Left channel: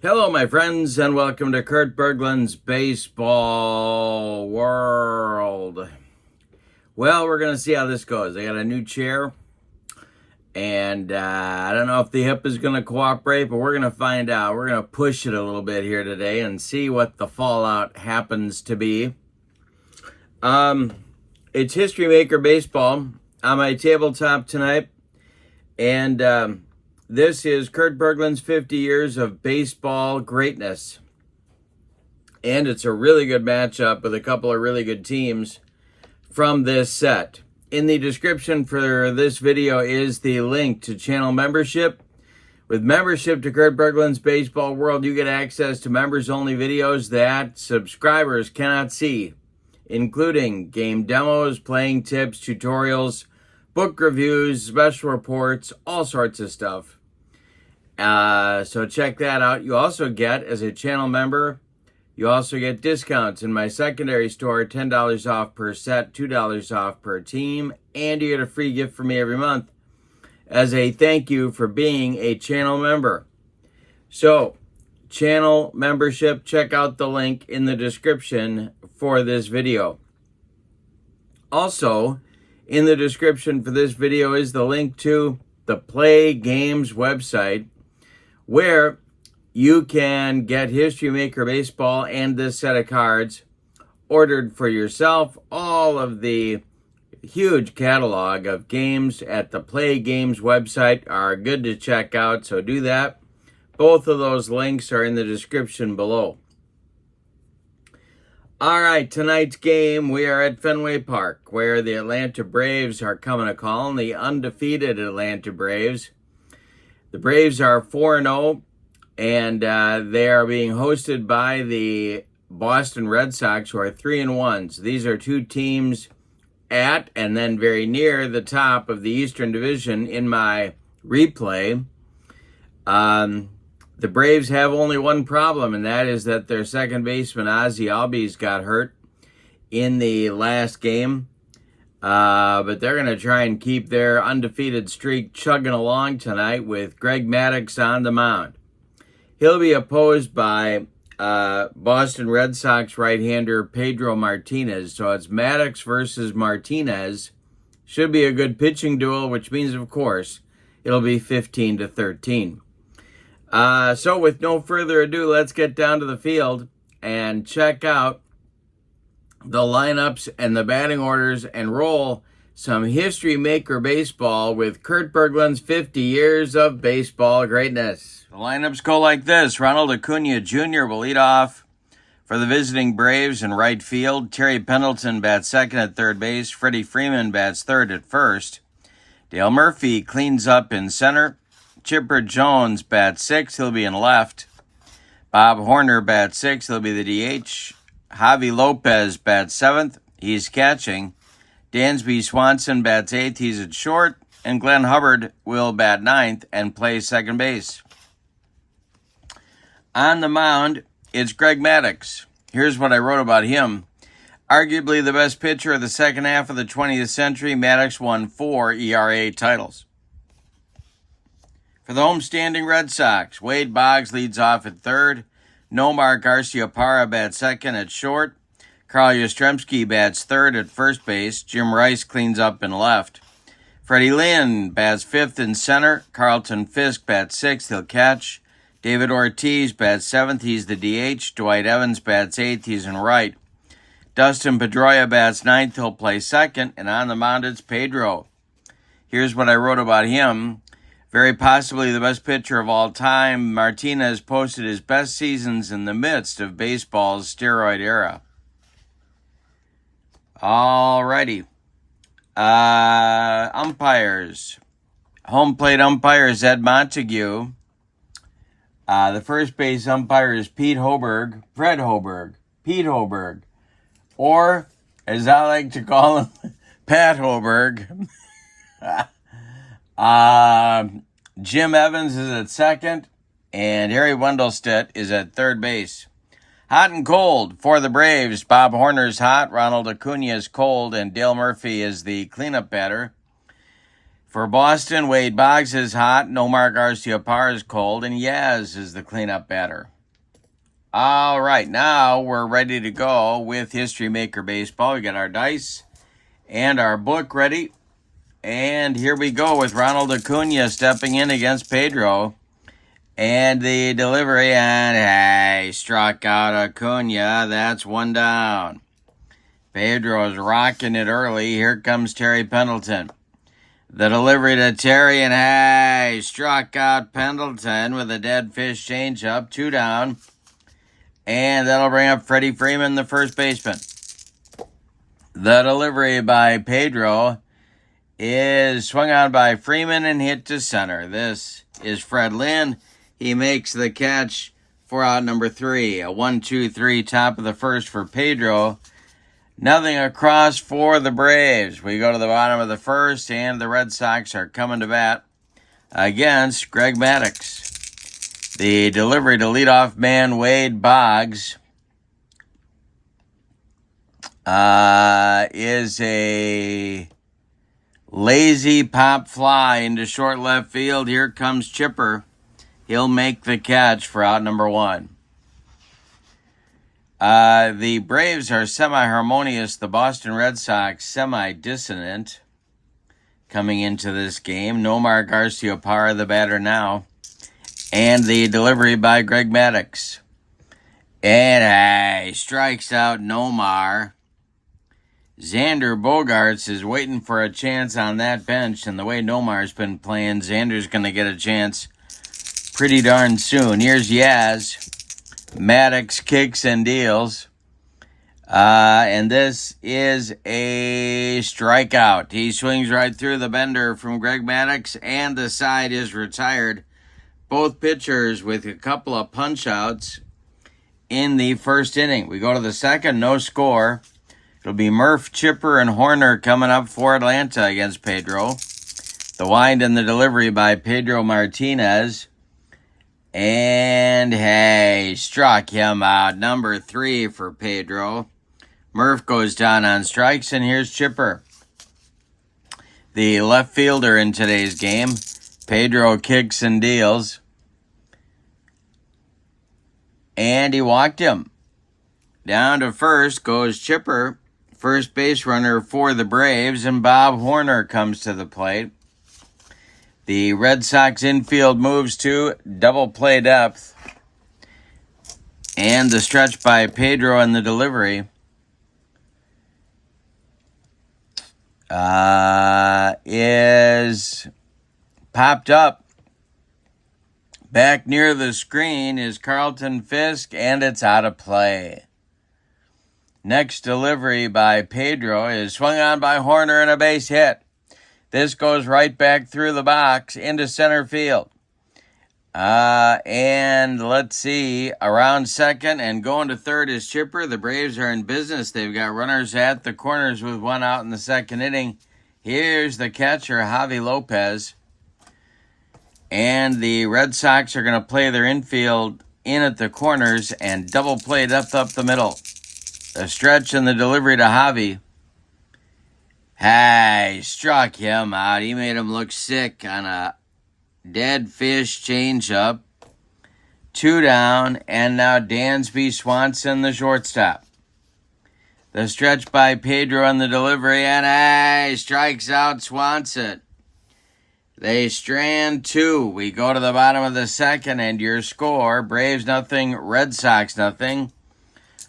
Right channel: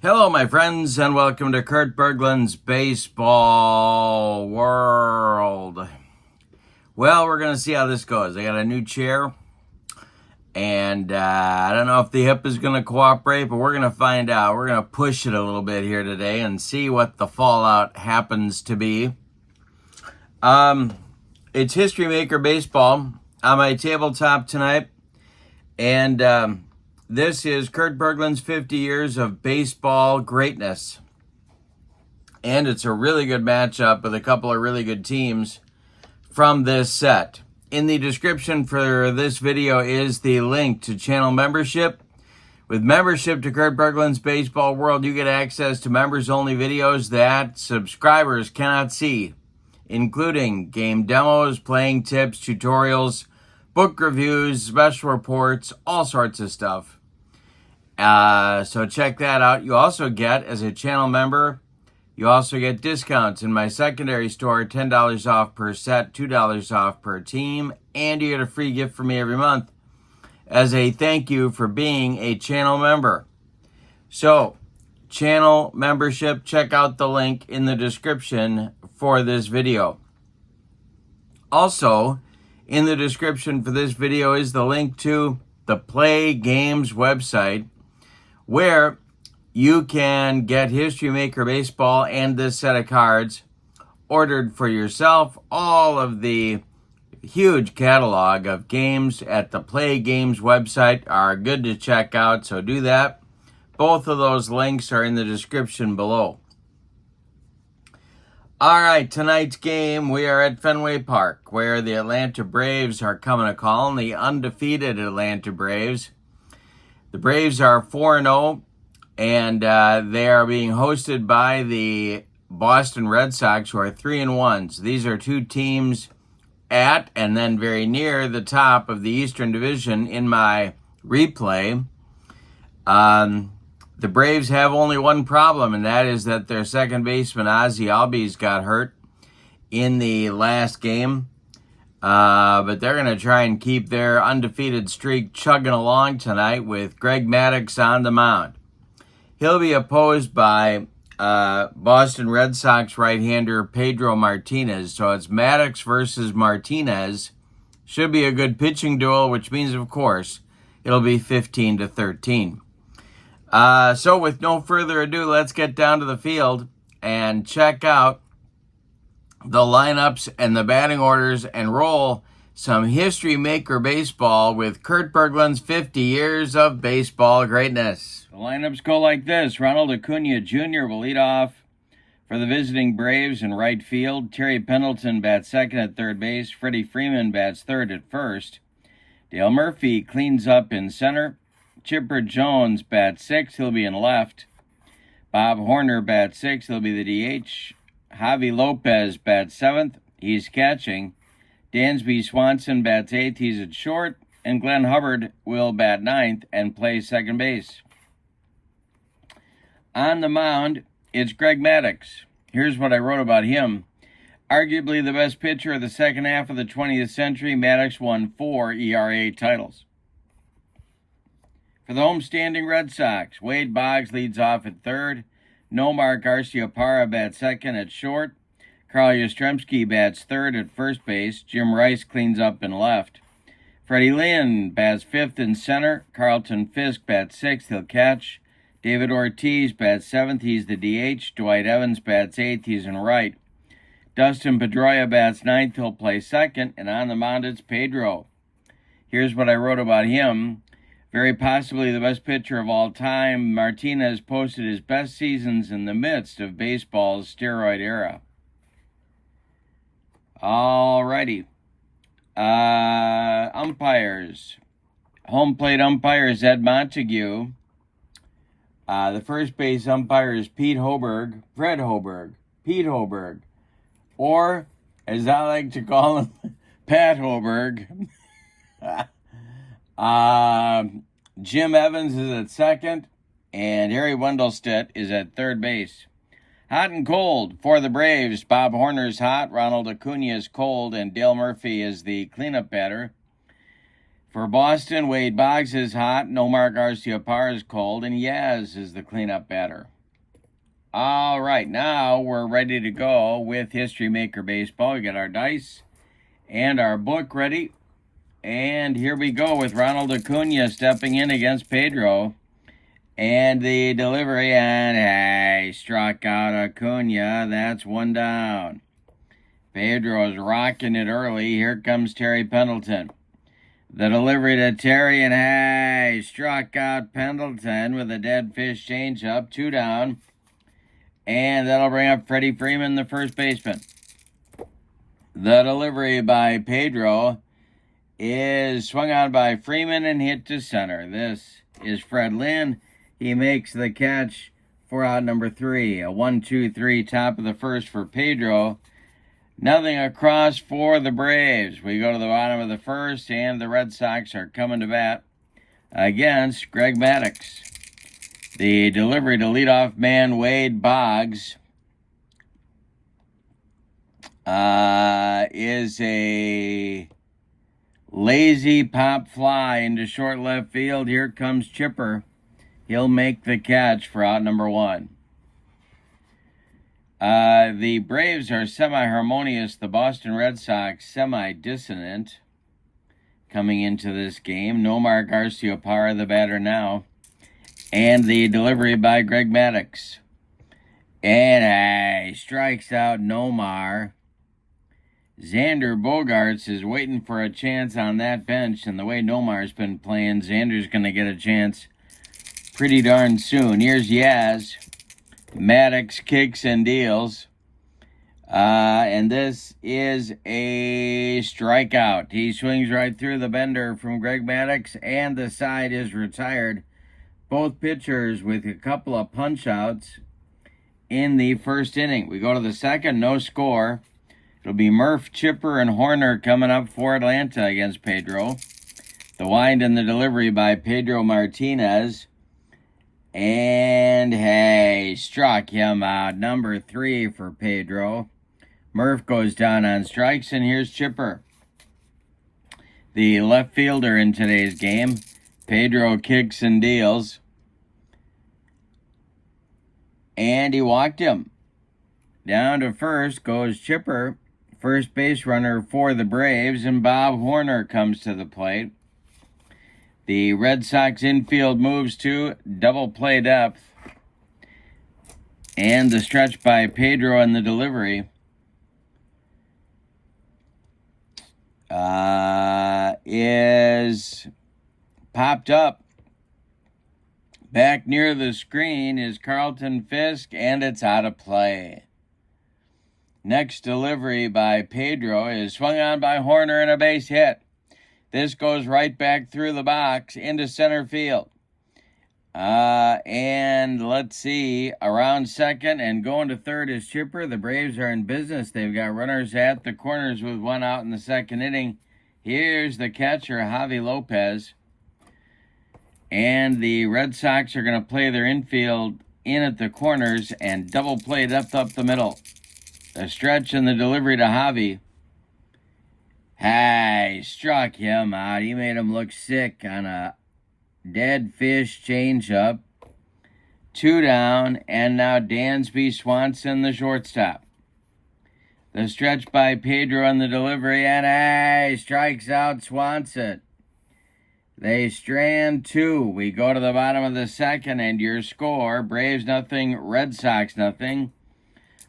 Hello, my friends, and welcome to Kurt Berglund's Baseball World. Well, we're going to see how this goes. I got a new chair, and I don't know if the hip is going to cooperate, but we're going to find out. We're going to push it a little bit here today and see what the fallout happens to be. It's History Maker Baseball on my tabletop tonight, and this is Kurt Berglund's 50 Years of Baseball Greatness. And it's a really good matchup with a couple of really good teams from this set. In the description for this video is the link to channel membership. With membership to Kurt Berglund's Baseball World, you get access to members-only videos that subscribers cannot see, including game demos, playing tips, tutorials, book reviews, special reports, all sorts of stuff. So check that out. You also get, as a channel member, you also get discounts in my secondary store, $10 off per set, $2 off per team, and you get a free gift from me every month as a thank you for being a channel member. So, channel membership, check out the link in the description for this video. Also, in the description for this video is the link to the PLAAY Games website, where you can get History Maker Baseball and this set of cards ordered for yourself. All of the huge catalog of games at the PLAAY Games website are good to check out, so do that. Both of those links are in the description below. All right, tonight's game, we are at Fenway Park, where the Atlanta Braves are coming to call, and the undefeated Atlanta Braves. The Braves are 4-0, and they are being hosted by the Boston Red Sox, who are 3-1. So these are two teams at and then very near the top of the Eastern Division in my replay. The Braves have only one problem, and that is that their second baseman, Ozzie Albies, got hurt in the last game. But they're going to try and keep their undefeated streak chugging along tonight with Greg Maddux on the mound. He'll be opposed by Boston Red Sox right-hander Pedro Martinez. So it's Maddux versus Martinez. Should be a good pitching duel, which means, of course, it'll be 15-13. So with no further ado, let's get down to the field and check out the lineups and the batting orders and roll some History Maker Baseball with Kurt Berglund's 50 Years of Baseball Greatness. The lineups go like this. Ronald Acuna Jr. will lead off for the visiting Braves in right field. Terry Pendleton bats second at third base. Freddie Freeman bats third at first. Dale Murphy cleans up in center. Chipper Jones bats sixth. He'll be in left. Bob Horner bats sixth. He'll be the DH. Javi Lopez bats seventh. He's catching. Dansby Swanson bats eighth. He's at short. And Glenn Hubbard will bat ninth and play second base. On the mound, it's Greg Maddux. Here's what I wrote about him. Arguably the best pitcher of the second half of the 20th century, Maddux won 4 ERA titles. For the homestanding Red Sox, Wade Boggs leads off at third. Nomar Garciaparra bats second at short. Carl Yastrzemski bats third at first base. Jim Rice cleans up in left. Freddie Lynn bats fifth in center. Carlton Fisk bats sixth. He'll catch. David Ortiz bats seventh. He's the DH. Dwight Evans bats eighth. He's in right. Dustin Pedroia bats ninth. He'll play second. And on the mound, it's Pedro. Here's what I wrote about him. Very possibly the best pitcher of all time, Martinez posted his best seasons in the midst of baseball's steroid era. All righty. Umpires. Home plate umpire is Ed Montague. The first base umpire is Fred Hoberg. Pete Hoberg. Or, as I like to call him, Pat Hoberg. Jim Evans is at second, and Harry Wendelstedt is at third base. Hot and cold for the Braves. Bob Horner's hot, Ronald Acuna is cold, and Dale Murphy is the cleanup batter. For For Boston, Wade Boggs is hot, Nomar Garciaparra is cold, and Yaz is the cleanup batter. All right, now we're ready to go with History Maker Baseball. We got our dice and our book ready. And here we go with Ronald Acuna stepping in against Pedro. And the delivery, and hey, struck out Acuna. That's one down. Pedro is rocking it early. Here comes Terry Pendleton. The delivery to Terry, and hey, struck out Pendleton with a dead fish changeup. 2 down. And that'll bring up Freddie Freeman, the first baseman. The delivery by Pedro is swung on by Freeman and hit to center. This is Fred Lynn. He makes the catch for out number 3. A 1-2-3 top of the first for Pedro. Nothing across for the Braves. We go to the bottom of the first, and the Red Sox are coming to bat against Greg Maddux. The delivery to leadoff man Wade Boggs is a lazy pop fly into short left field. Here comes Chipper. He'll make the catch for out number 1. The Braves are semi-harmonious. The Boston Red Sox semi-dissonant coming into this game. Nomar Garciaparra, the batter now. And the delivery by Greg Maddux. And he strikes out Nomar. Xander Bogaerts is waiting for a chance on that bench. And the way Nomar's been playing, Xander's going to get a chance pretty darn soon. Here's Yaz. Maddux kicks and deals. And this is a strikeout. He swings right through the bender from Greg Maddux, and the side is retired. Both pitchers with a couple of punch-outs in the first inning. We go to the second, no score. It'll be Murph, Chipper, and Horner coming up for Atlanta against Pedro. The wind and the delivery by Pedro Martinez. And hey, struck him out. Number 3 for Pedro. Murph goes down on strikes, and here's Chipper, the left fielder in today's game. Pedro kicks and deals. And he walked him. Down to first goes Chipper, first base runner for the Braves, and Bob Horner comes to the plate. The Red Sox infield moves to double play depth. And the stretch by Pedro and the delivery is popped up. Back near the screen is Carlton Fisk, and it's out of play. Next delivery by Pedro is swung on by Horner and a base hit. This goes right back through the box into center field. And let's see, around second and going to third is Chipper. The Braves are in business. They've got runners at the corners with 1 out in the second inning. Here's the catcher, Javi Lopez. And the Red Sox are going to play their infield in at the corners and double play depth up the middle. A stretch and the delivery to Javi. Hey, struck him out. He made him look sick on a dead fish changeup. 2 down, and now Dansby Swanson, the shortstop. The stretch by Pedro on the delivery, and hey, strikes out Swanson. They strand 2. We go to the bottom of the second, and your score, Braves nothing, Red Sox nothing.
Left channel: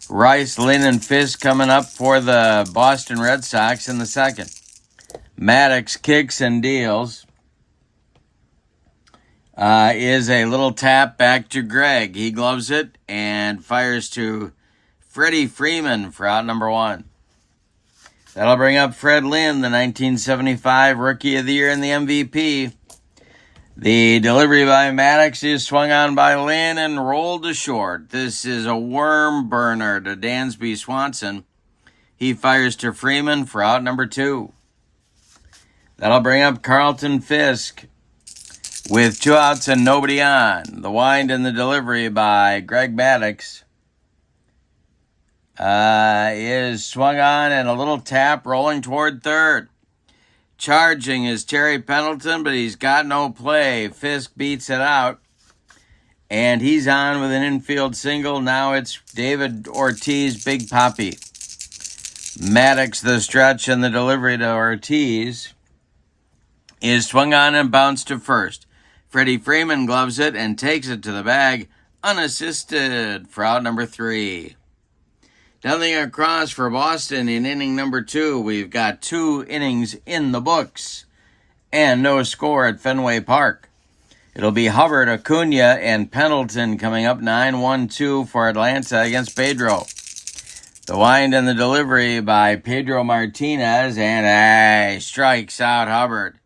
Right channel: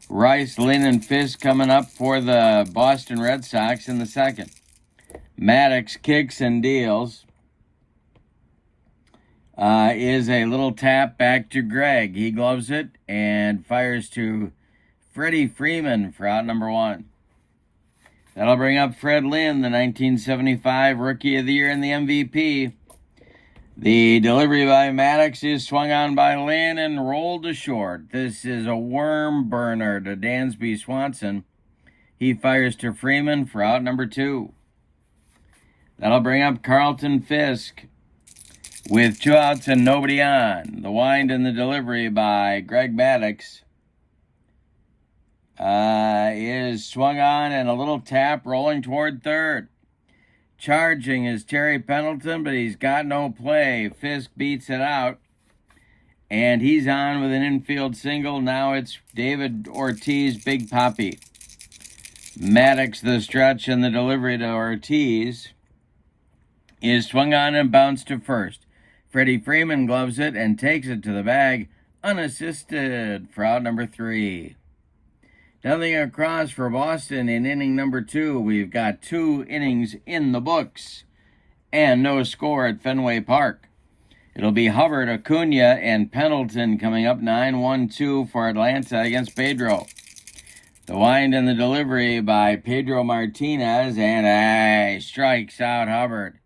Rice, Lynn, and Fisk coming up for the Boston Red Sox in the second. Maddux kicks and deals. Is a little tap back to Greg. He gloves it and fires to Freddie Freeman for out number 1. That'll bring up Fred Lynn, the 1975 Rookie of the Year and the MVP. The delivery by Maddux is swung on by Lynn and rolled to short. This is a worm burner to Dansby Swanson. He fires to Freeman for out number 2. That'll bring up Carlton Fisk with 2 outs and nobody on. The wind and the delivery by Greg Maddux is swung on and a little tap rolling toward third. Charging is Terry Pendleton, but he's got no play. Fisk beats it out. And he's on with an infield single. Now it's David Ortiz, Big Papi. Maddux, the stretch, and the delivery to Ortiz is swung on and bounced to first. Freddie Freeman gloves it and takes it to the bag, unassisted for out number 3. Nothing across for Boston in inning number 2. We've got 2 innings in the books and no score at Fenway Park. It'll be Hubbard, Acuna, and Pendleton coming up 9-1-2 for Atlanta against Pedro. The wind and the delivery by Pedro Martinez, and strikes out Hubbard.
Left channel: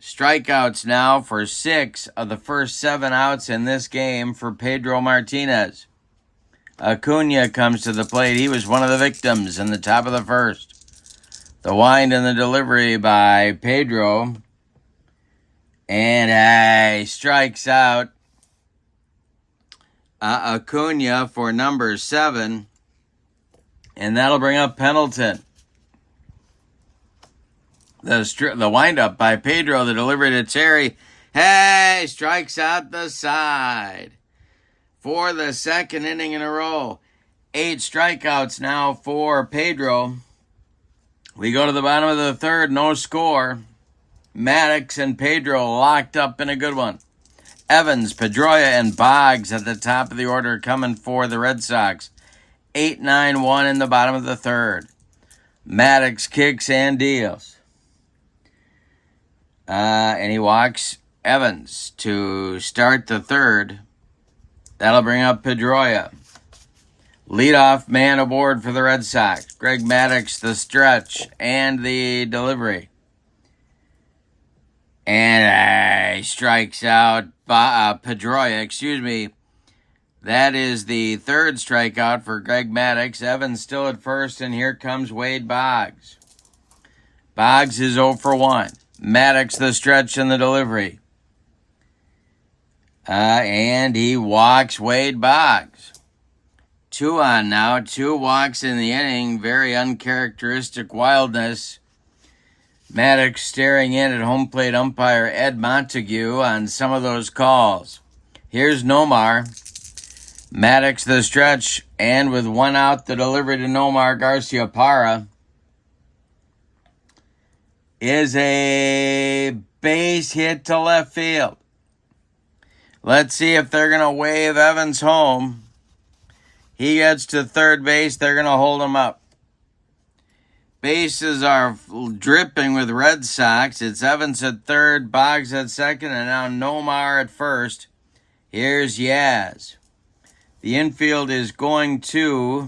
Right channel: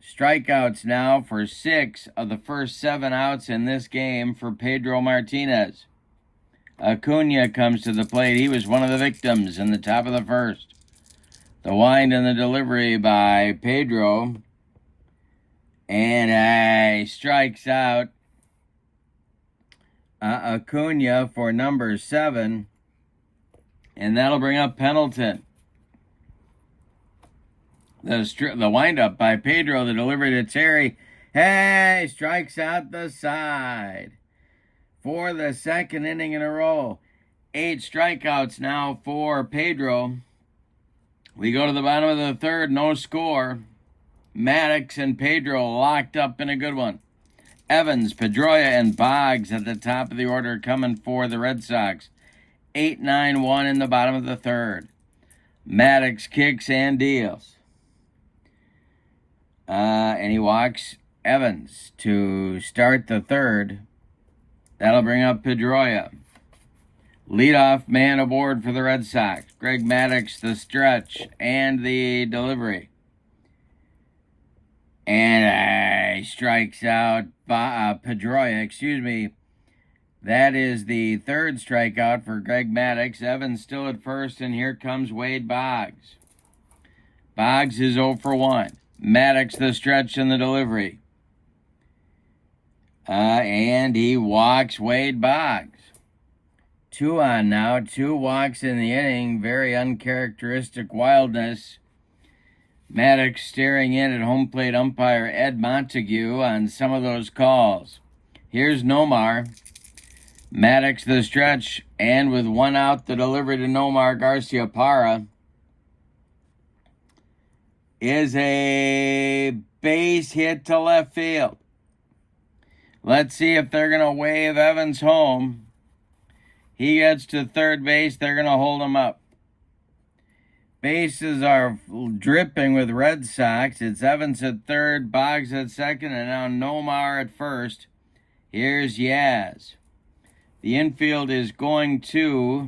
Strikeouts now for 6 of the first 7 outs in this game for Pedro Martinez. Acuna comes to the plate. He was one of the victims in the top of the first. The wind and the delivery by Pedro. And strikes out Acuna for number 7. And that'll bring up Pendleton. The windup by Pedro, the delivery to Terry. Strikes out the side. For the second inning in a row. 8 strikeouts now for Pedro. We go to the bottom of the third, no score. Maddux and Pedro locked up in a good one. Evans, Pedroia, and Boggs at the top of the order coming for the Red Sox. 8-9-1 in the bottom of the third. Maddux kicks and deals. And he walks Evans to start the third. That'll bring up Pedroia. Leadoff man aboard for the Red Sox. Greg Maddux, the stretch, and the delivery. And strikes out Pedroia, That is the third strikeout for Greg Maddux. Evans still at first, and here comes Wade Boggs. Boggs is 0 for 1. Maddux, the stretch, and the delivery. And he walks Wade Boggs. 2 on now. 2 walks in the inning. Very uncharacteristic wildness. Maddux staring in at home plate umpire Ed Montague on some of those calls. Here's Nomar. Maddux, the stretch, and with 1 out, the delivery to Nomar Garciaparra is a base hit to left field. Let's see if they're going to wave Evans home. He gets to third base. They're going to hold him up. Bases are dripping with Red Sox. It's Evans at third, Boggs at second, and now Nomar at first. Here's Yaz. The infield is going to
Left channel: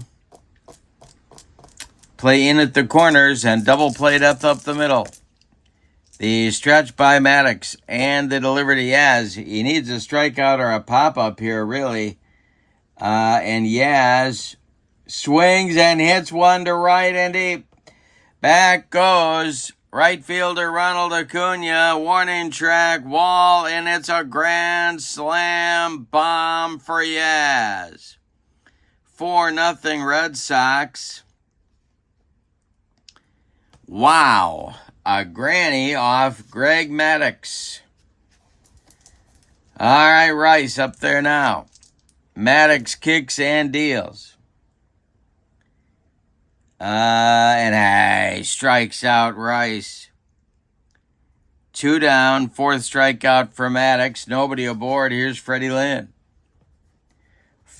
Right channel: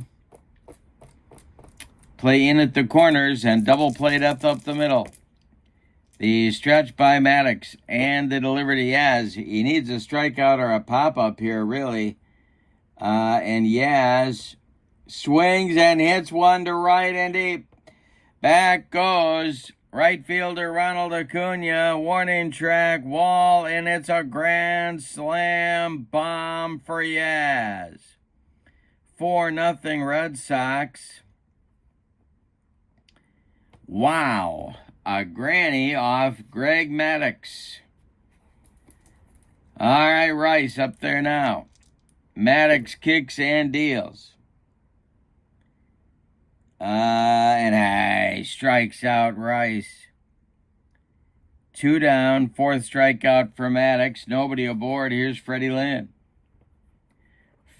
play in at the corners and double play depth up the middle. The stretch by Maddux and the delivery to Yaz. He needs a strikeout or a pop-up here, really. And Yaz swings and hits one to right and deep. Back goes right fielder Ronald Acuna. Warning track, wall, and it's a grand slam bomb for Yaz. 4-0 Red Sox. Wow. A granny off Greg Maddux. All right, Rice up there now. Maddux kicks and deals. And strikes out Rice. 2 down, 4th strikeout for Maddux. Nobody aboard. Here's Freddie Lynn.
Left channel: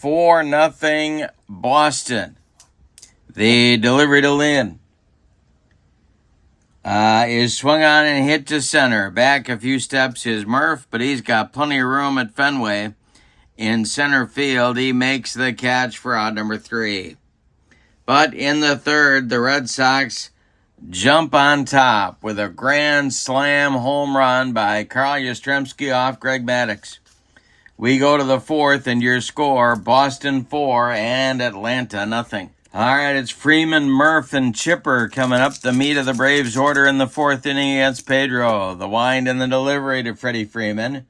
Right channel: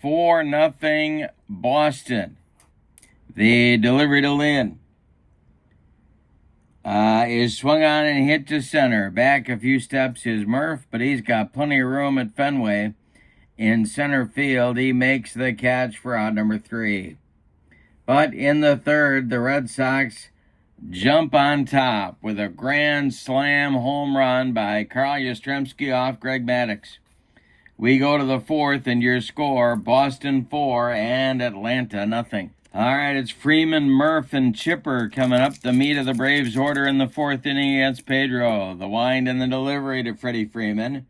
4-0 Boston. The delivery to Lynn is swung on and hit to center. Back a few steps is Murph, but he's got plenty of room at Fenway. In center field, he makes the catch for out number 3. But in the third, the Red Sox jump on top with a grand slam home run by Carl Yastrzemski off Greg Maddux. We go to the 4th, and your score, Boston 4 and Atlanta 0. All right, it's Freeman, Murph, and Chipper coming up. The meat of the Braves order in the 4th inning against Pedro. The wind and the delivery to Freddie Freeman.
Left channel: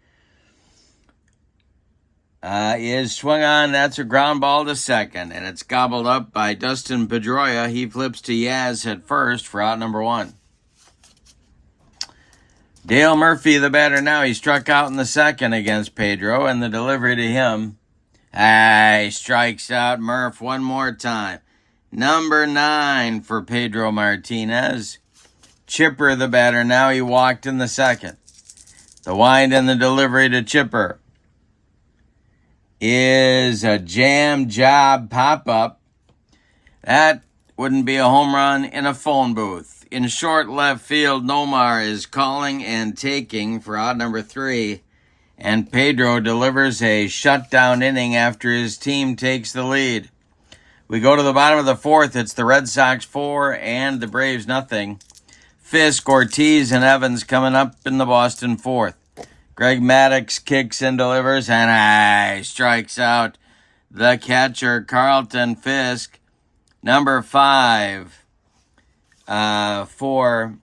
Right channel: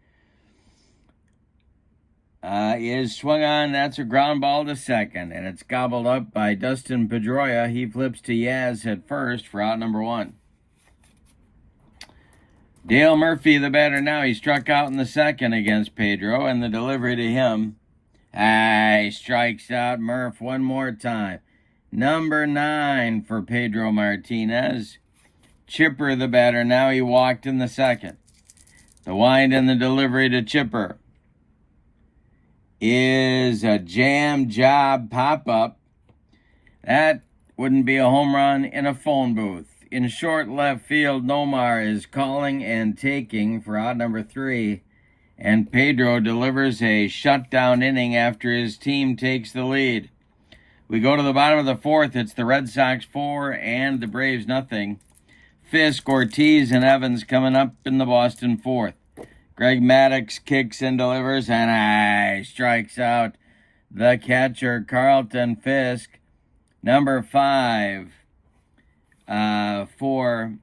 is swung on. That's a ground ball to second, and it's gobbled up by Dustin Pedroia. He flips to Yaz at first for out number 1. Dale Murphy, the batter now. He struck out in the second against Pedro, and the delivery to him. He strikes out Murph one more time. Number 9 for Pedro Martinez. Chipper, the batter now. He walked in the second. The wind and the delivery to Chipper is a jam job pop-up. That wouldn't be a home run in a phone booth. In short left field, Nomar is calling and taking for out number 3. And Pedro delivers a shutdown inning after his team takes the lead. We go to the bottom of the 4th. It's the Red Sox 4 and the Braves nothing. Fisk, Ortiz, and Evans coming up in the Boston 4th. Greg Maddux kicks and delivers, and strikes out the catcher, Carlton Fisk. Number 5 for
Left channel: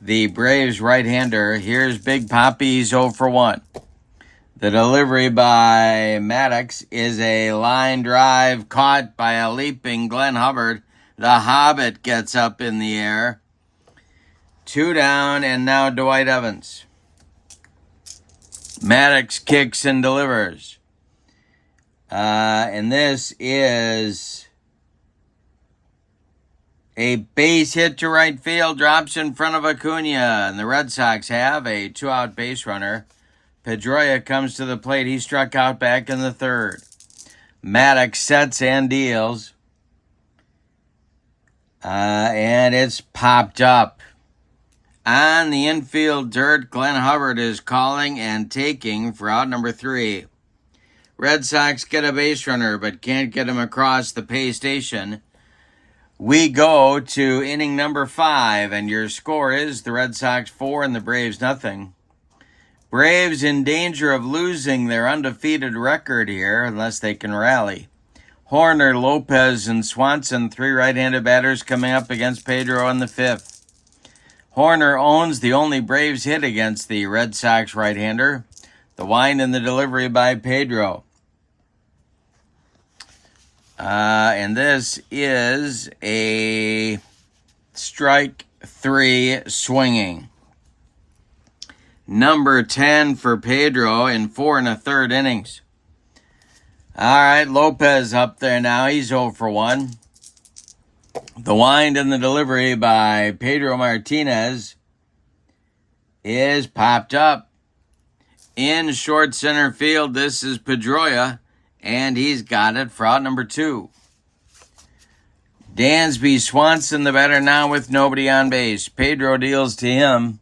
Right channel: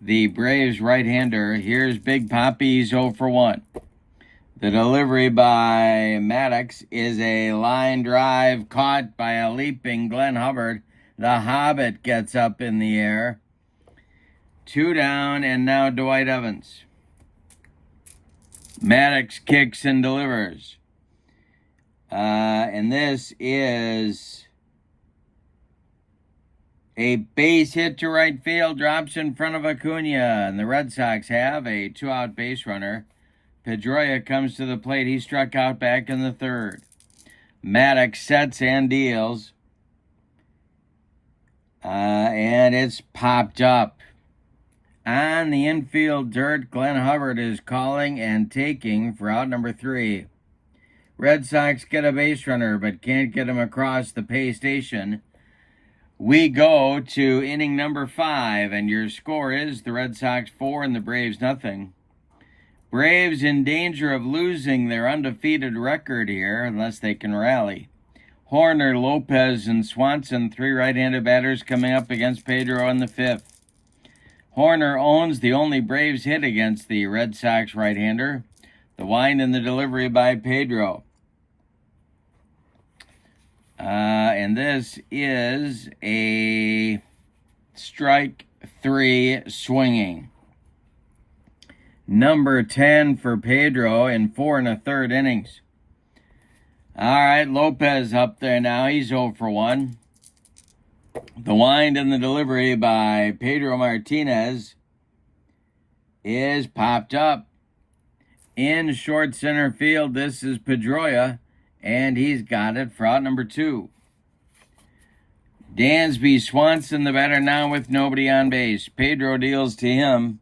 the Braves right-hander. Here's Big Poppy's 0 for 1. The delivery by Maddux is a line drive caught by a leaping Glenn Hubbard. The Hobbit gets up in the air. 2 down, and now Dwight Evans. Maddux kicks and delivers. And this is a base hit to right field, drops in front of Acuna, and the Red Sox have a 2-out base runner. Pedroia comes to the plate. He struck out back in the 3rd. Maddux sets and deals. And it's popped up. On the infield dirt, Glenn Hubbard is calling and taking for out number 3. Red Sox get a base runner but can't get him across the pay station. We go to inning number 5, and your score is the Red Sox 4 and the Braves nothing. Braves in danger of losing their undefeated record here unless they can rally. Horner, Lopez, and Swanson, 3 right-handed batters coming up against Pedro in the 5th. Horner owns the only Braves hit against the Red Sox right-hander. The wind and the delivery by Pedro. And this is a strike 3 swinging. Number 10 for Pedro in 4 1/3 innings. All right, Lopez up there now. He's 0 for 1. The wind and the delivery by Pedro Martinez is popped up. In short center field, this is Pedroia, and he's got it for out number 2. Dansby Swanson, the batter now with nobody on base. Pedro deals to him.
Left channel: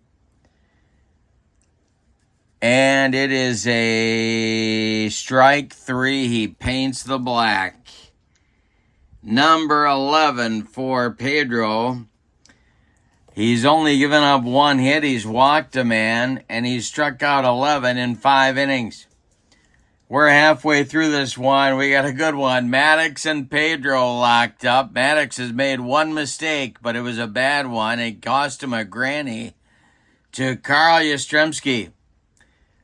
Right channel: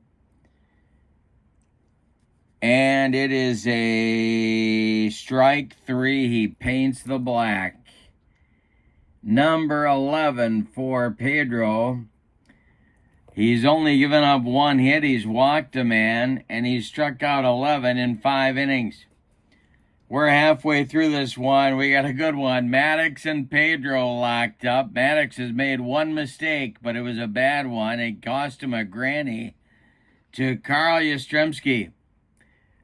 And it is a strike 3. He paints the black. Number 11 for Pedro. He's only given up 1 hit. He's walked a man, and he's struck out 11 in 5 innings. We're halfway through this one. We got a good one. Maddux and Pedro locked up. Maddux has made 1 mistake, but it was a bad one. It cost him a granny to Carl Yastrzemski.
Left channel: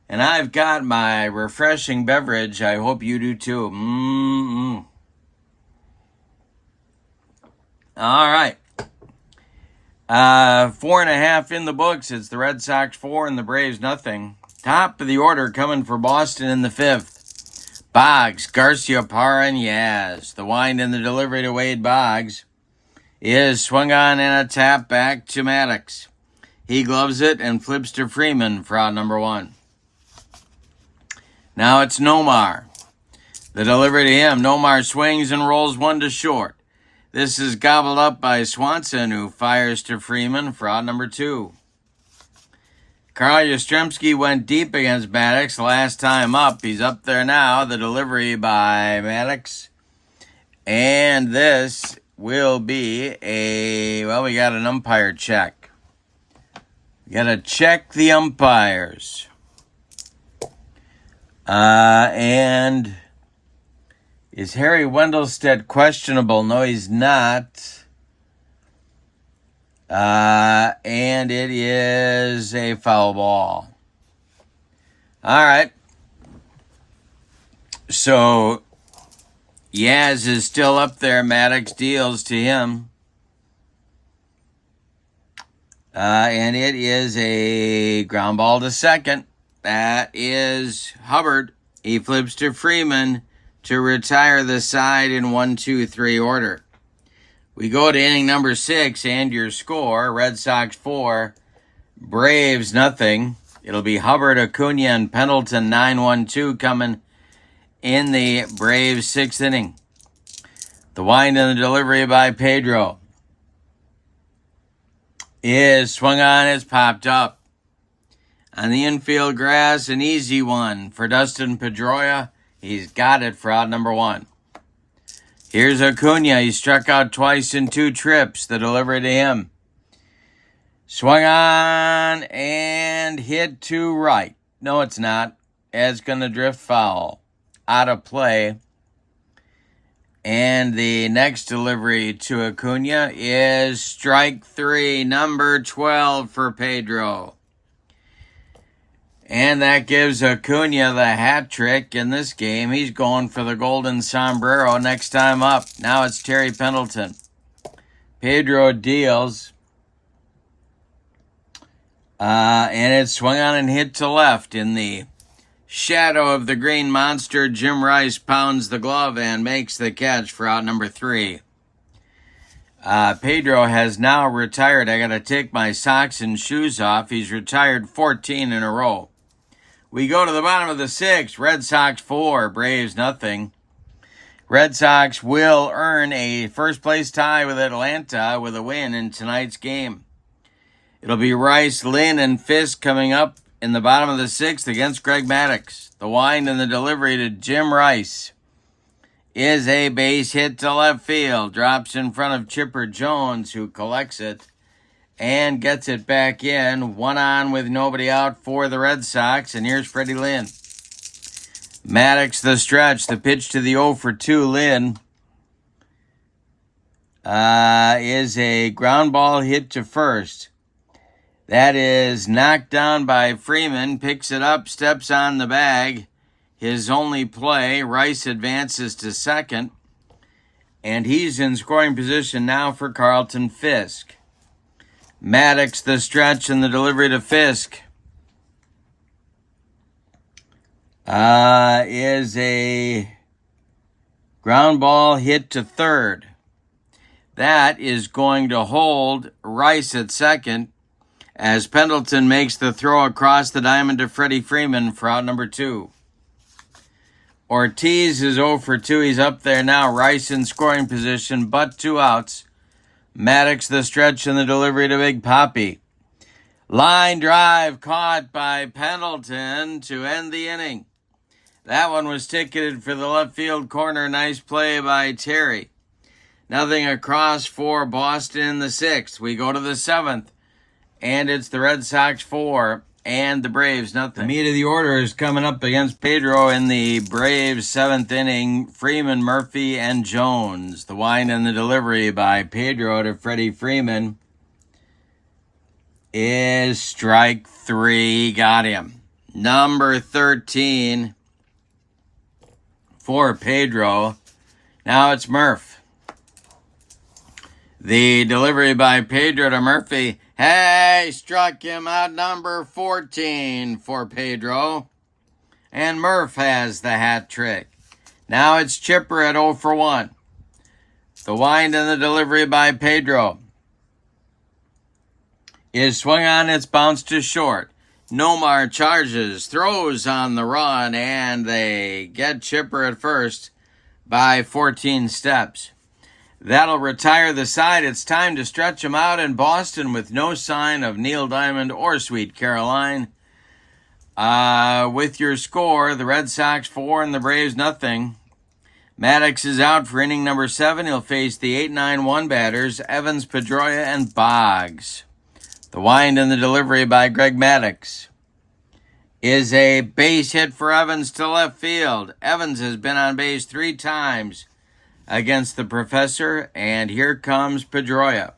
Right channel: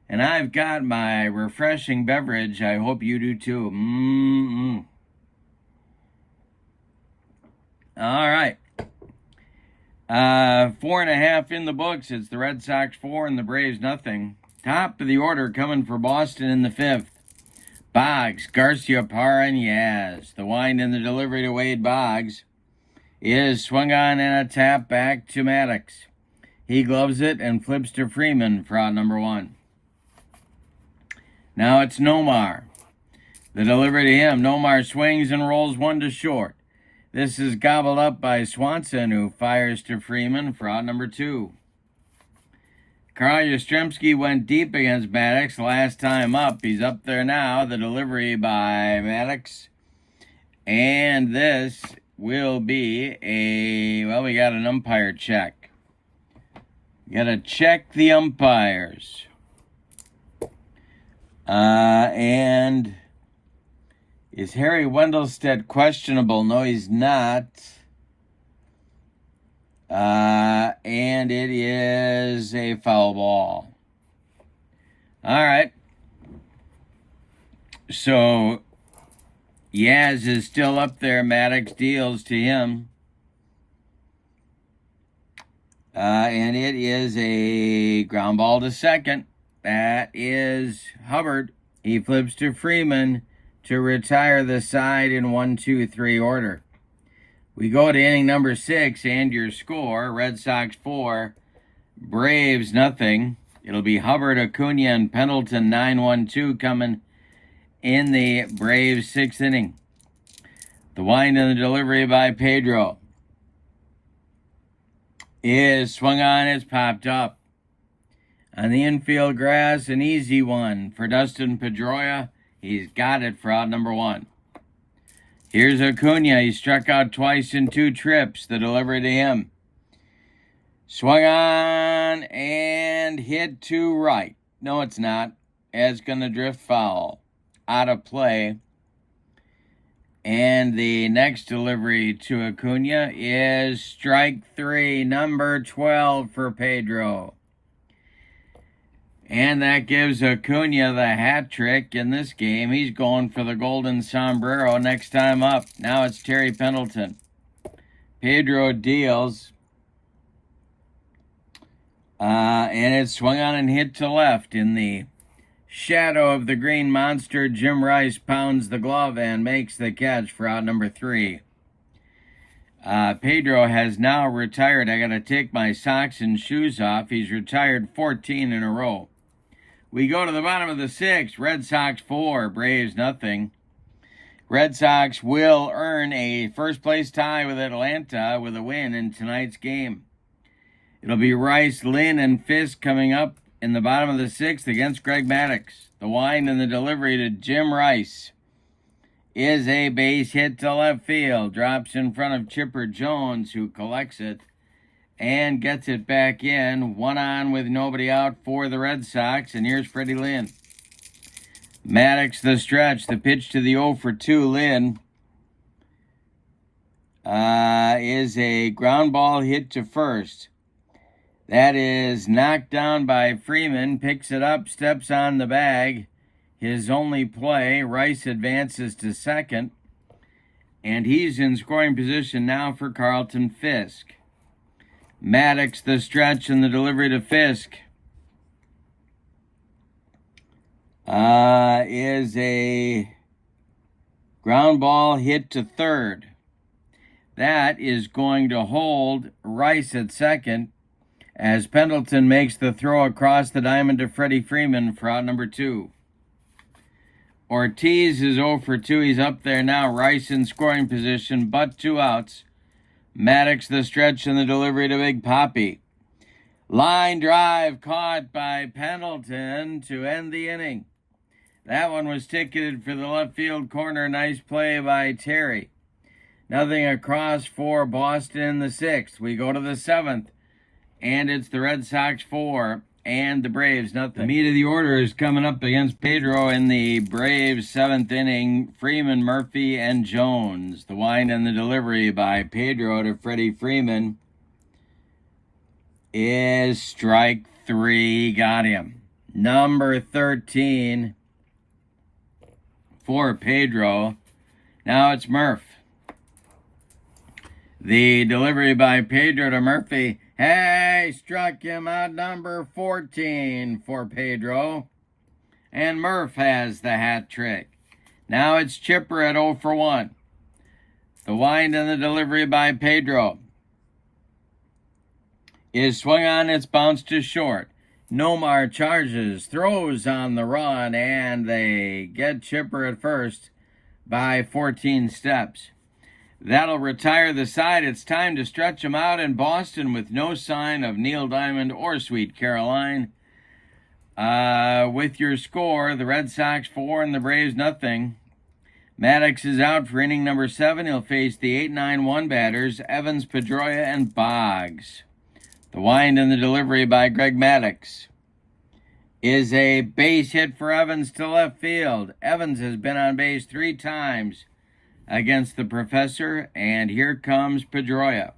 And I've got my refreshing beverage. I hope you do too. All right. 4.5 in the books. It's the Red Sox 4 and the Braves nothing. Top of the order coming for Boston in the 5th. Boggs, Garcia, Parra, and Yaz. The wind and the delivery to Wade Boggs is swung on and a tap back to Maddux. He gloves it and flips to Freeman for out number 1. Now it's Nomar. The delivery to him. Nomar swings and rolls 1 to short. This is gobbled up by Swanson, who fires to Freeman for out number 2. Carl Yastrzemski went deep against Maddux last time up. He's up there now. The delivery by Maddux. And this will be we got an umpire check. Got to check the umpires. And is Harry Wendelstedt questionable? No, he's not. And it is a foul ball. All right. So Yaz is still up there. Maddux deals to him. And it is a ground ball to second. That is Hubbard. He flips to Freeman to retire the side in 1-2-3 order. We go to inning number 6, and your score, Red Sox 4, Braves nothing. It'll be Hubbard, Acuna, and Pendleton 9-1-2 coming in the Braves 6th inning. The wind and the delivery by Pedro is swung on, it's popped up. On the infield grass, an easy one for Dustin Pedroia. He's got it for out number 1. Here's Acuna. He struck out twice in 2 trips. The delivery to him. Swung on and hit to right. No, it's not. It's going to drift foul. Out of play. And the next delivery to Acuna is strike 3, number 12 for Pedro. And that gives Acuna the hat trick in this game. He's going for the golden sombrero next time up. Now it's Terry Pendleton. Pedro deals. And it's swung on and hit to left. In the shadow of the green monster, Jim Rice pounds the glove and makes the catch for out number 3. Pedro has now retired. I got to take my socks and shoes off. He's retired 14 in a row. We go to the bottom of the 6th. Red Sox 4, Braves nothing. Red Sox will earn a first-place tie with Atlanta with a win in tonight's game. It'll be Rice, Lynn, and Fisk coming up in the bottom of the 6th against Greg Maddux. The wind and the delivery to Jim Rice is a base hit to left field. Drops in front of Chipper Jones, who collects it and gets it back in. 1 on with nobody out for the Red Sox. And here's Freddie Lynn. Maddux the stretch. The pitch to the 0-for-2 Lynn is a ground ball hit to first. That is knocked down by Freeman. Picks it up, steps on the bag. His only play. Rice advances to second. And he's in scoring position now for Carlton Fisk. Maddux the stretch and the delivery to Fisk is a ground ball hit to third. That is going to hold Rice at second as Pendleton makes the throw across the diamond to Freddie Freeman for out number 2. Ortiz is 0-for-2. He's up there now. Rice in scoring position, but 2 outs. Maddux the stretch and the delivery to Big Papi. Line drive caught by Pendleton to end the inning. That one was ticketed for the left field corner. Nice play by Terry. Nothing across for Boston in the 6th. We go to the 7th, and it's the Red Sox 4 and the Braves nothing. The meat of the order is coming up against Pedro in the Braves 7th inning. Freeman, Murphy, and Jones. The wind and the delivery by Pedro to Freddie Freeman is strike 3. Got him. Number 13 for Pedro. Now it's Murph. The delivery by Pedro to Murphy. Hey, struck him out. Number 14 for Pedro. And Murph has the hat trick. Now it's Chipper at 0-for-1. The wind and the delivery by Pedro is swung on. It's bounced to short. Nomar charges, throws on the run, and they get Chipper at first by 14 steps. That'll retire the side. It's time to stretch him out in Boston with no sign of Neil Diamond or Sweet Caroline. With your score, the Red Sox 4 and the Braves nothing. Maddux is out for inning number 7. He'll face the 8-9-1 batters, Evans, Pedroia, and Boggs. The wind and the delivery by Greg Maddux is a base hit for Evans to left field. Evans has been on base 3 times against the Professor, and here comes Pedroia.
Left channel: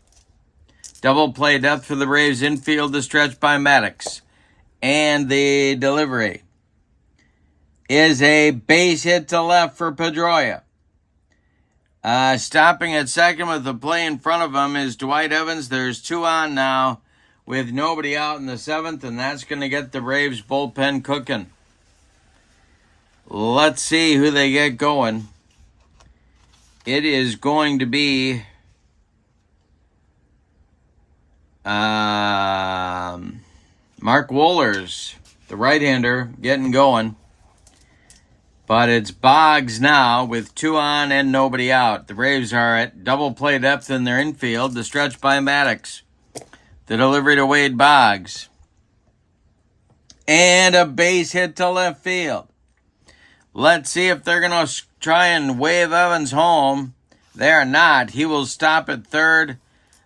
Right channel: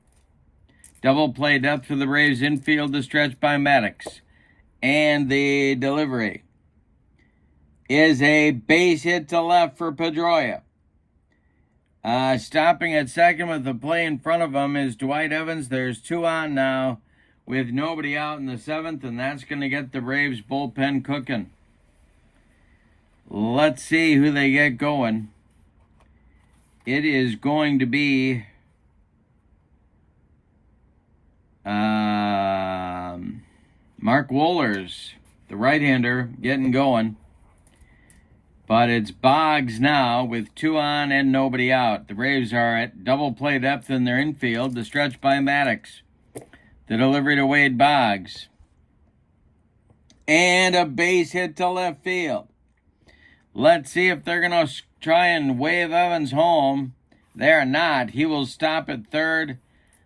Double play depth for the Braves infield, the stretch by Maddux. And the delivery is a base hit to left for Pedroia. Stopping at second with the play in front of him is Dwight Evans. There's 2 on now with nobody out in the 7th, and that's going to get the Braves bullpen cooking. Let's see who they get going. It is going to be Mark Wohlers, the right-hander, getting going. But it's Boggs now with 2 on and nobody out. The Braves are at double play depth in their infield. The stretch by Maddux. The delivery to Wade Boggs. And a base hit to left field. Let's see if they're going to try and wave Evans home. They're not. He will stop at third.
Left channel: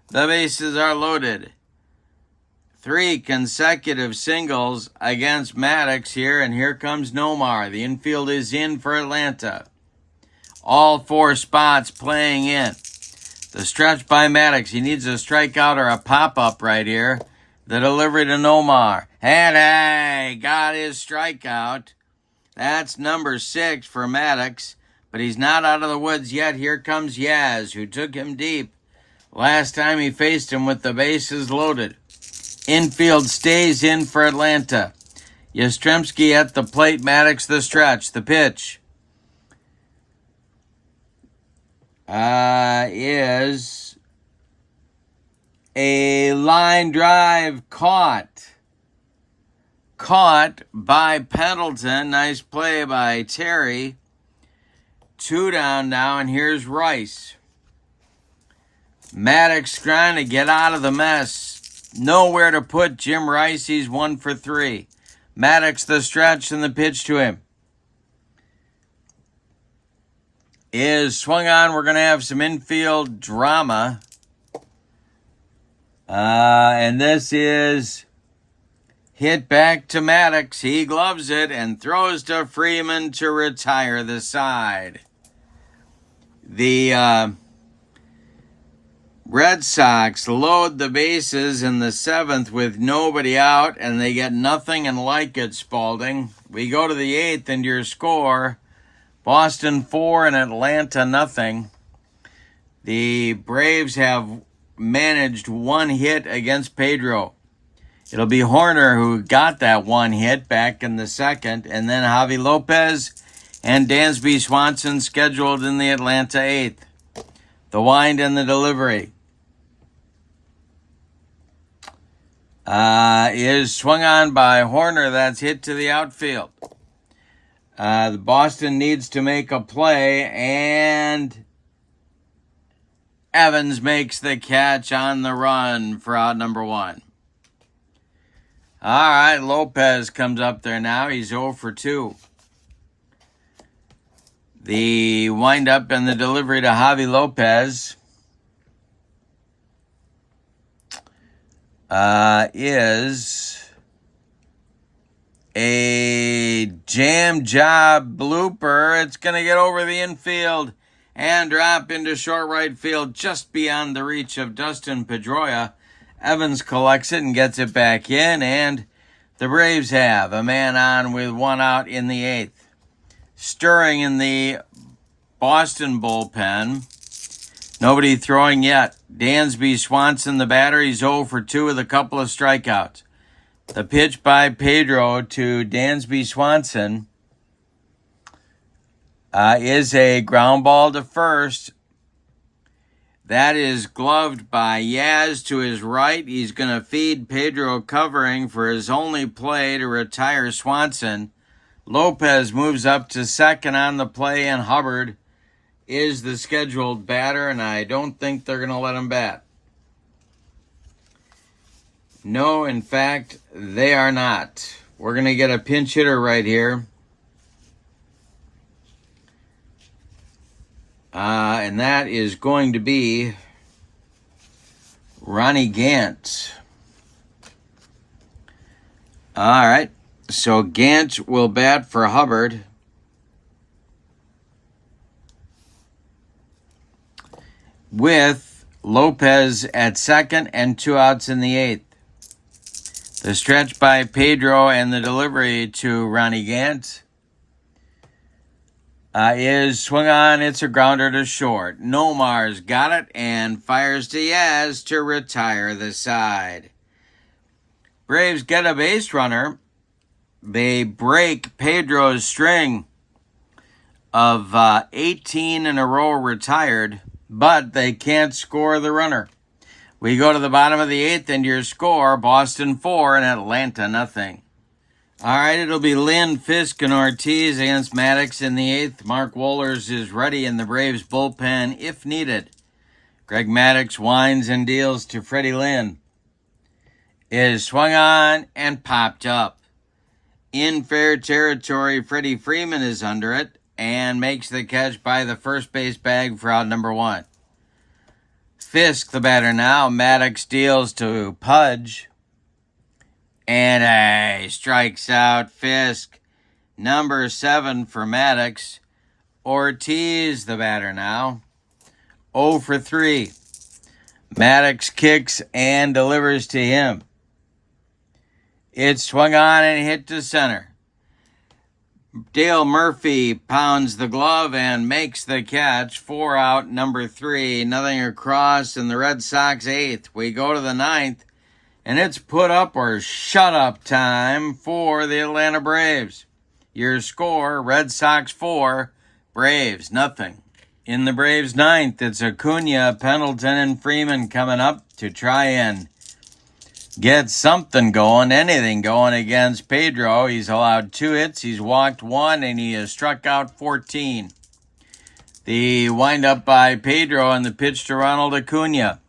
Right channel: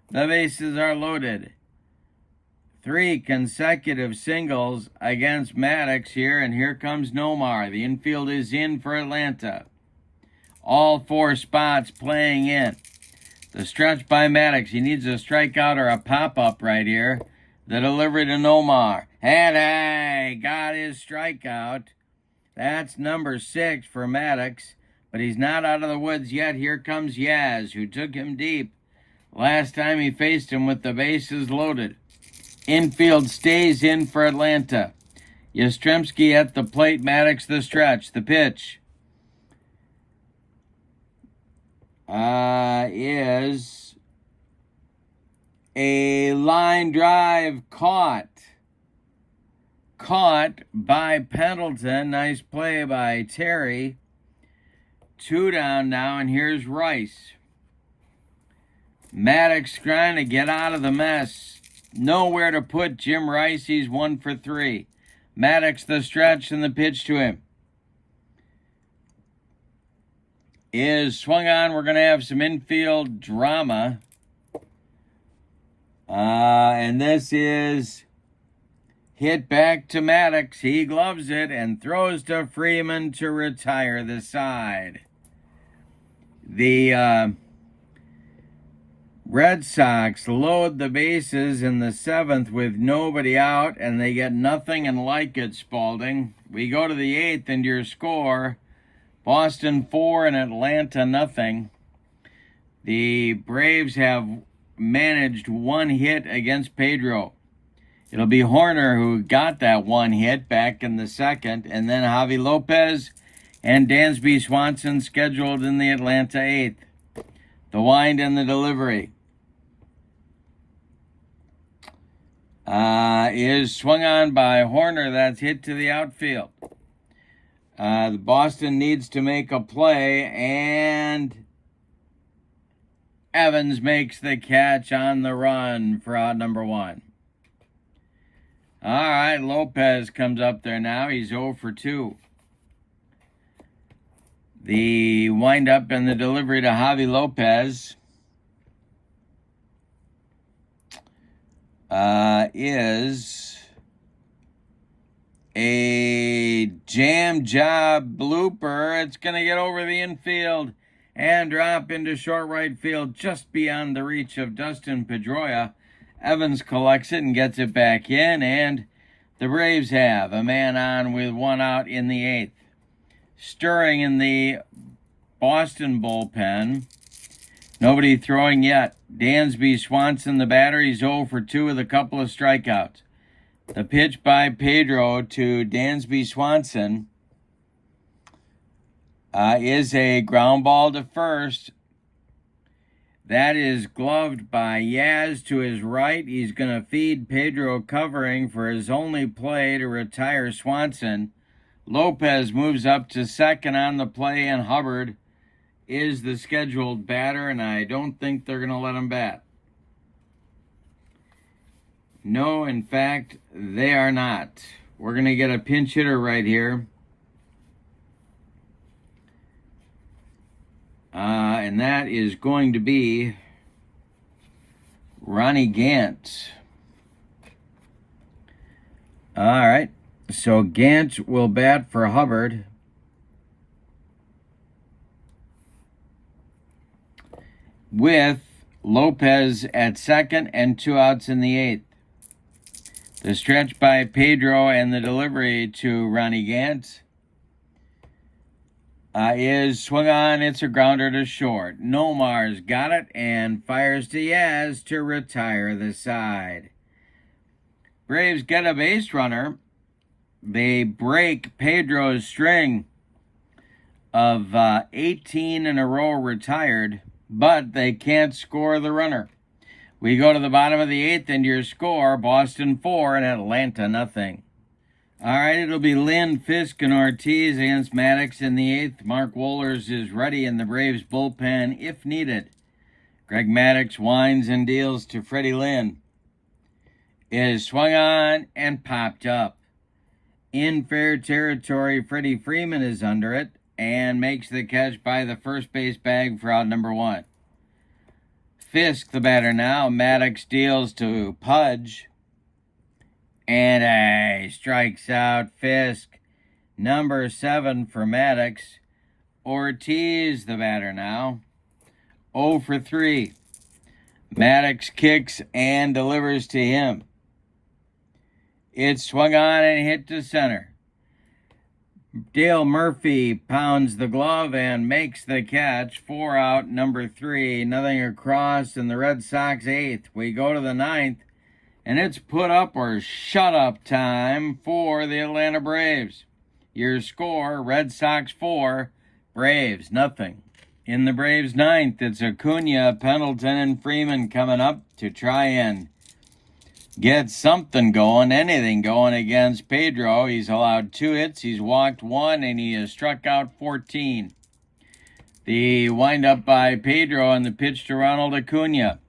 The bases are loaded. 3 consecutive singles against Maddux here, and here comes Nomar. The infield is in for Atlanta. All 4 spots playing in. The stretch by Maddux. He needs a strikeout or a pop-up right here. The delivery to Nomar. And hey, got his strikeout. That's number 6 for Maddux, but he's not out of the woods yet. Here comes Yaz, who took him deep last time he faced him with the bases loaded. Infield stays in for Atlanta. Yastrzemski at the plate, Maddux the stretch. The pitch is a line drive caught by Pendleton. Nice play by Terry. 2 down now, and here's Rice. Maddux trying to get out of the mess. Nowhere to put Jim Rice. He's 1 for 3. Maddux the stretch, and the pitch to him is swung on. We're going to have some infield drama. And this is hit back to Maddux. He gloves it and throws to Freeman to retire the side. The Red Sox load the bases in the 7th with nobody out, and they get nothing and like it, Spalding. We go to the 8th, and your score, Boston 4 and Atlanta nothing. The Braves have managed 1 hit against Pedro. It'll be Horner who got that 1 hit back in the 2nd, and then Javi Lopez and Dansby Swanson scheduled in the Atlanta 8th. The wind and the delivery is swung on by Horner. That's hit to the outfield. The Boston needs to make a play, and Evans makes the catch on the run for out number 1. All right, Lopez comes up there now. He's 0 for 2. The windup and the delivery to Javi Lopez is a jam job blooper. It's going to get over the infield and drop into short right field just beyond the reach of Dustin Pedroia. Evans collects it and gets it back in, and the Braves have a man on with 1 out in the 8th. Stirring in the Boston bullpen. Nobody throwing yet. Dansby Swanson, the batter. He's 0 for 2 with a couple of strikeouts. The pitch by Pedro to Dansby Swanson is a ground ball to first. That is gloved by Yaz to his right. He's going to feed Pedro covering for his only play to retire Swanson. Lopez moves up to second on the play, and Hubbard is the scheduled batter, and I don't think they're going to let him bat. No, in fact, they are not. We're going to get a pinch hitter right here. And that is going to be Ronnie Gant. All right. So Gant will bat for Hubbard. With Lopez at second and 2 outs in the 8th. The stretch by Pedro and the delivery to Ronnie Gant is swung on. It's a grounder to short. Nomar's got it and fires to Yaz to retire the side. Braves get a base runner. They break Pedro's string of 18 in a row retired, but they can't score the runner. We go to the bottom of the 8th, and your score, Boston 4 and Atlanta nothing. All right, it'll be Lynn, Fisk, and Ortiz against Maddux in the 8th. Mark Wohlers is ready in the Braves bullpen if needed. Greg Maddux winds and deals to Freddie Lynn. Is swung on and popped up. In fair territory, Freddie Freeman is under it and makes the catch by the first base bag for out number 1. Fisk, the batter now. Maddux deals to Pudge. And strikes out Fisk. Number 7 for Maddux. Ortiz, the batter now. 0 for 3. Maddux kicks and delivers to him. It's swung on and hit to center. Dale Murphy pounds the glove and makes the catch. 4 out, number 3. Nothing across in the Red Sox 8th. We go to the 9th, and it's put up or shut up time for the Atlanta Braves. Your score, Red Sox 4, Braves nothing. In the Braves 9th, it's Acuna, Pendleton, and Freeman coming up to try and get something going, anything going against Pedro. He's allowed 2 hits, he's walked 1, and he has struck out 14. The windup by Pedro and the pitch to Ronald Acuna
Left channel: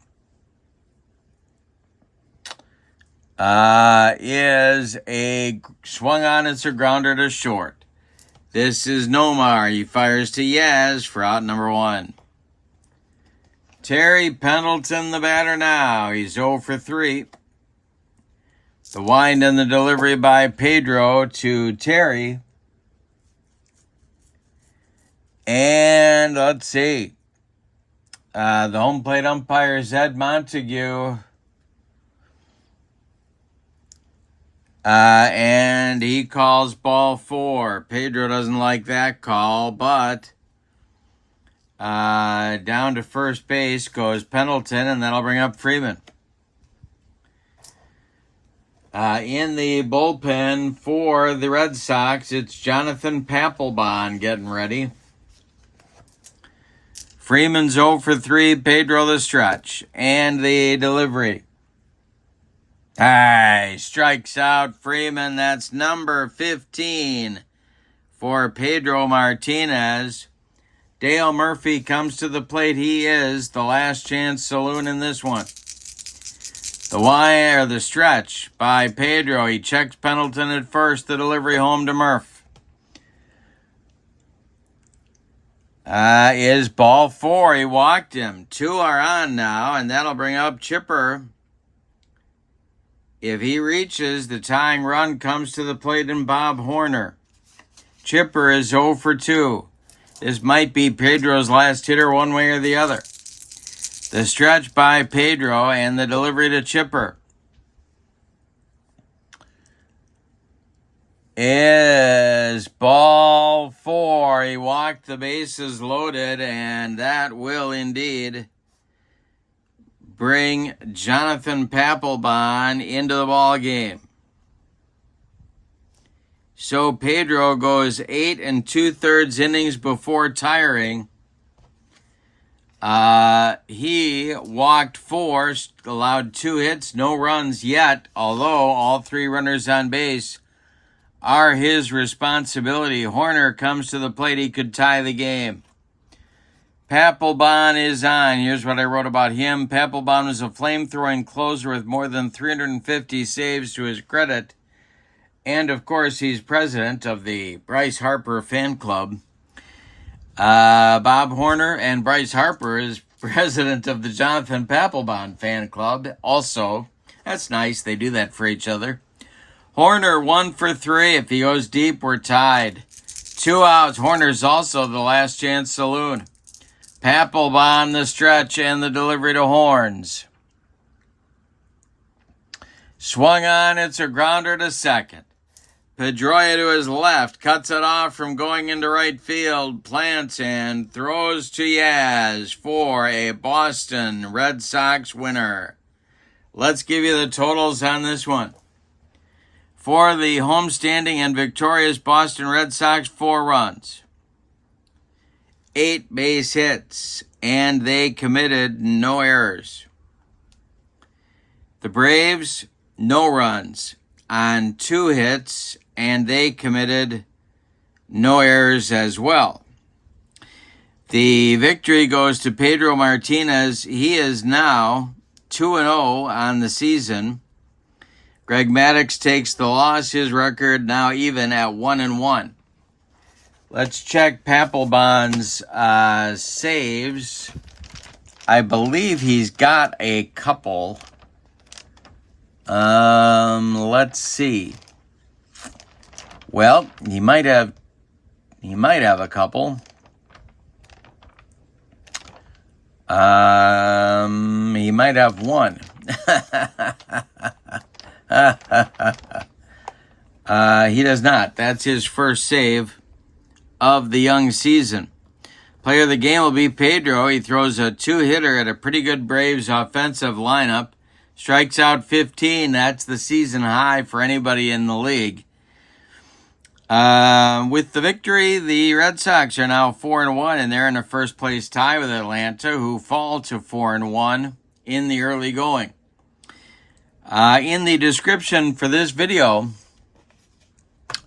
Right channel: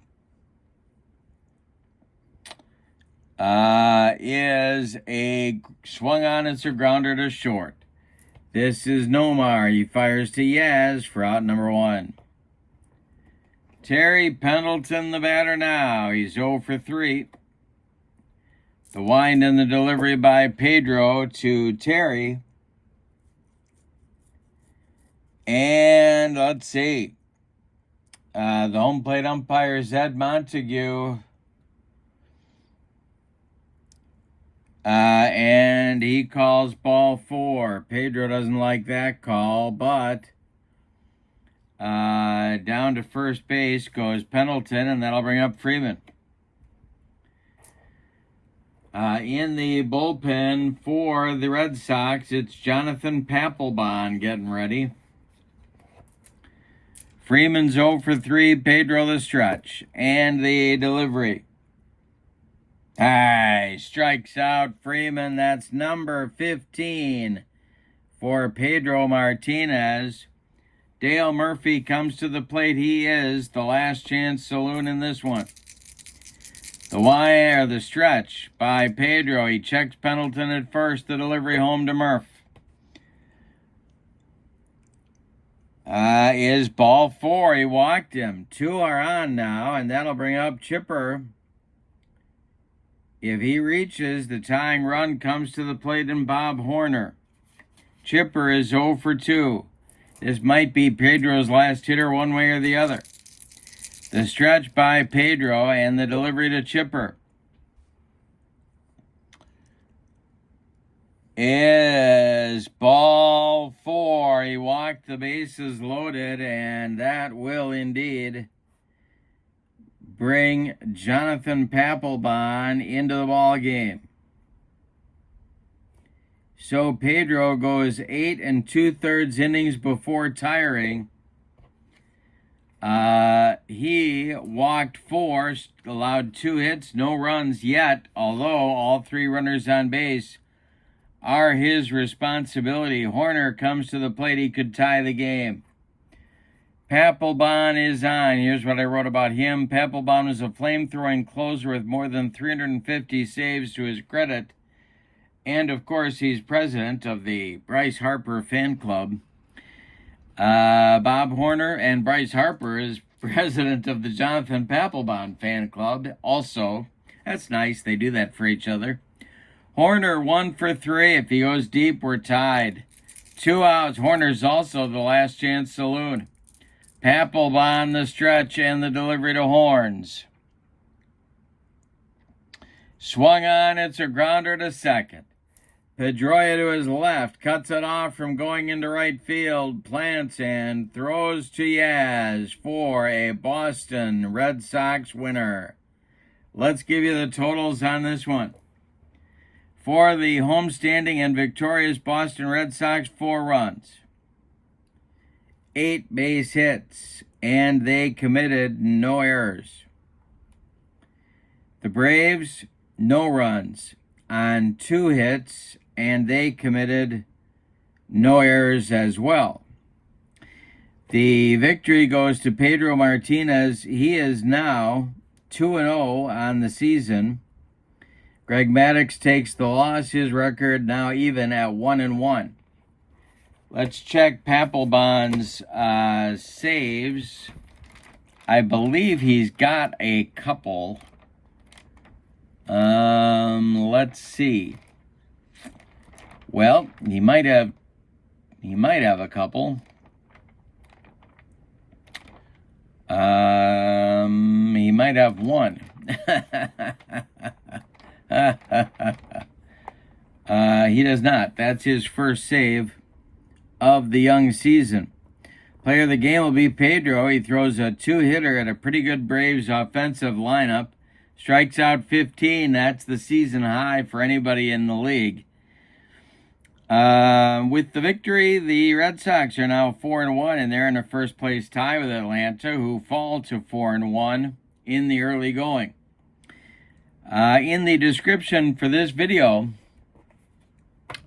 is a swung on. It's a grounder to short. This is Nomar. He fires to Yaz for out number 1. Terry Pendleton, the batter now. He's 0 for 3. The wind and the delivery by Pedro to Terry. And let's see. The home plate umpire is Ed Montague. And he calls ball 4. Pedro doesn't like that call, but down to first base goes Pendleton, and that'll bring up Freeman. In the bullpen for the Red Sox, it's Jonathan Papelbon getting ready. Freeman's 0 for 3, Pedro the stretch, and the delivery. Strikes out Freeman. That's number 15 for Pedro Martinez. Dale Murphy comes to the plate. He is the last chance saloon in this one. The stretch by Pedro. He checks Pendleton at first. The delivery home to Murph. Is ball 4. He walked him. 2 are on now, and that'll bring up Chipper. If he reaches, the tying run comes to the plate in Bob Horner. Chipper is 0 for 2. This might be Pedro's last hitter one way or the other. The stretch by Pedro and the delivery to Chipper is ball 4. He walked, the bases loaded, and that will indeed bring Jonathan Papelbon into the ball game. So Pedro goes 8 2/3 innings before tiring. He walked 4, allowed 2 hits, no runs yet, although all 3 runners on base are his responsibility. Horner comes to the plate. He could tie the game. Papelbon is on. Here's what I wrote about him. Papelbon is a flame-throwing closer with more than 350 saves to his credit. And, of course, he's president of the Bryce Harper fan club. Bob Horner and Bryce Harper is president of the Jonathan Papelbon fan club. Also, that's nice. They do that for each other. Horner 1 for 3. If he goes deep, we're tied. 2 outs. Horner's also the last chance saloon. Papelbon the stretch and the delivery to Horns. Swung on. It's a grounder to second. Pedro to his left, cuts it off from going into right field, plants and throws to Yaz for a Boston Red Sox winner. Let's give you the totals on this one. For the homestanding and victorious Boston Red Sox, 4 runs, 8 base hits, and they committed no errors. The Braves, no runs on 2 hits, and they committed no errors as well. The victory goes to Pedro Martinez. He is now 2-0 on the season. Greg Maddux takes the loss. His record now even at 1-1. Let's check Papelbon's saves. I believe he's got a couple. Let's see. Well, he might have a couple. He might have one. He does not. That's his first save of the young season. Player of the game will be Pedro. He throws a 2-hitter at a pretty good Braves offensive lineup. Strikes out 15. That's the season high for anybody in the league. With the victory, the Red Sox are now 4-1, and they're in a first place tie with Atlanta, who fall to 4-1 in the early going. In the description for this video,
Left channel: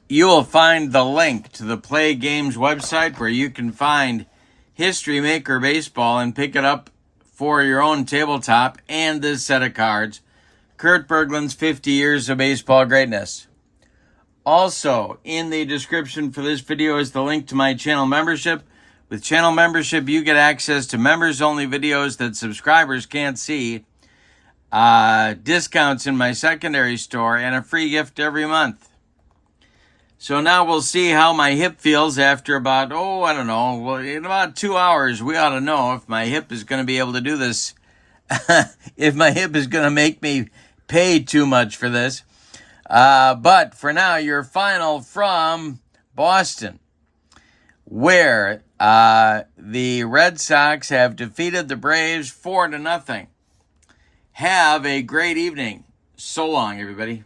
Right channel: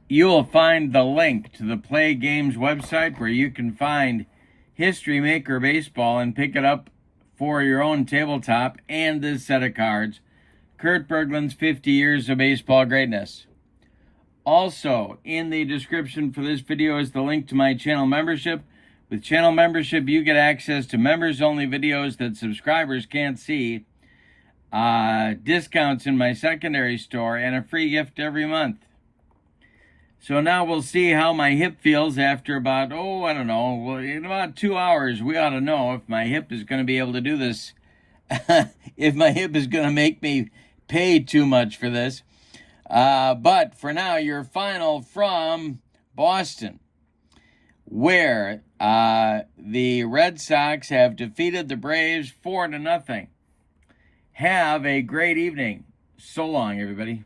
you will find the link to the PLAAY Games website where you can find History Maker Baseball and pick it up for your own tabletop and this set of cards, Kurt Berglund's 50 Years of Baseball Greatness. Also, in the description for this video is the link to my channel membership. With channel membership, you get access to members-only videos that subscribers can't see, discounts in my secondary store, and a free gift every month. So now we'll see how my hip feels after about, in about 2 hours, we ought to know if my hip is going to be able to do this, if my hip is going to make me pay too much for this. But for now, your final from Boston, where the Red Sox have defeated the Braves 4-0. Have a great evening. So long, everybody.